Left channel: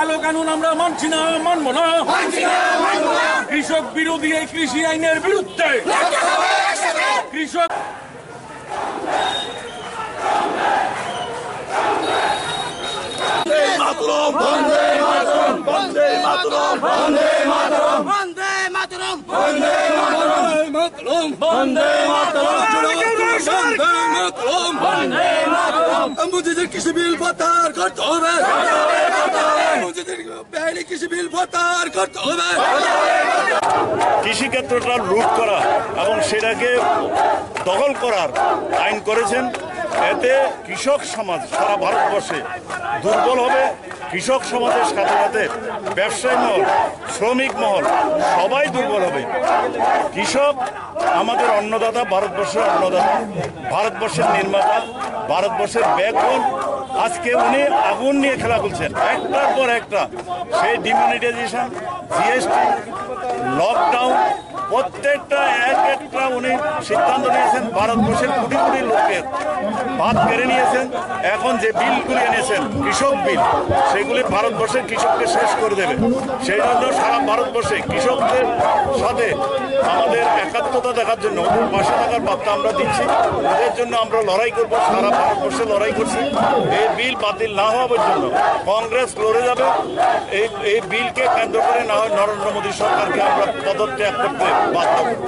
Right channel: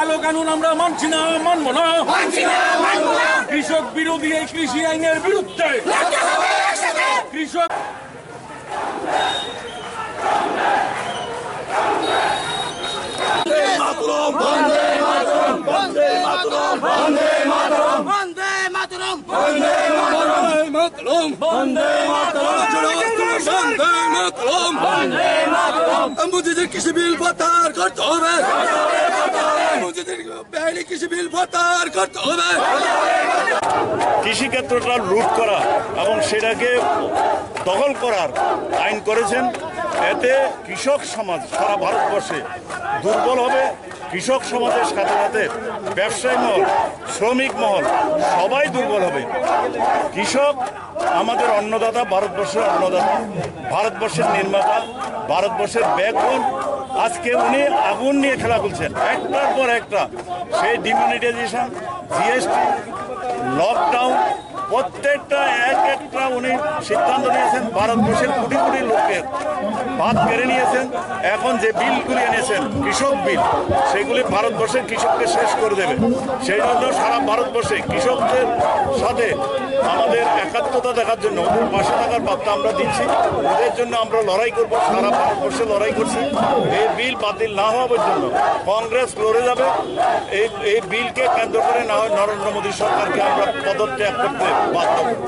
কালো কানুন আমরা মানছি না, মানব না। কৃষক বিরোধী এই কৃষি আইনের বিরুদ্ধে কৃষক মুজিদের কৃষি বিল প্রত্যাহার করতে হবে, মুজিদের বেআইনি কৃষি বিল প্রত্যাহার করতে হবে। কৃষিক্ষেত্রটা লুট করা এবং সেটাকে দখল করার আইন করেছেন। এতে কৃষক সমাজ সারা ভারতবর্ষে দুর্বল হবে। কৃষক সমাজের সাথে সাথে ব্যবসায়ী মহল, শ্রমিক মহল সবাই দুর্বল হবে। কৃষক আমাদের অন্নদাতা, ভারতবর্ষের অন্নদাতা, ভারতবর্ষের নির্মাতা, ভারতবর্ষের ব্যাকবোন। আজকে উনি আগুন নিয়ে খেলা বলছেন একটার পর একটা। সেই ডিমনিটাইজেশন, জিএসটি, লকডাউন, প্রত্যেকটা একটা উনি সিদ্ধান্ত নিয়েছেন। ভারতবর্ষের কোটি কোটি লোকের ভাত কেড়ে নিয়েছেন। এখন যে বিলগুলি এনেছেন, কৃষক বিল, সেগুলি ভারতবর্ষের কৃষককে শেষ করে দেবে। সেই জন্য সারা ভারতবর্ষে কৃষকদের সাথে আমাদের একাত্মতা দেখার জন্য, ওদের পাশে থাকার বার্তা আমরা দিচ্ছি। ওদের জন্য আমরা লড়াই করব, সারা ভারতবর্ষে লড়াই করছি। এই বিল বাতিল না হওয়া পর্যন্ত কংগ্রেস লড়ে যাবে। এই বিলকে কেন্দ্র করে না হয় নরেন্দ্র মোদী সরকারকে আমরা পদত্যাগ করতে বাধ্য করব।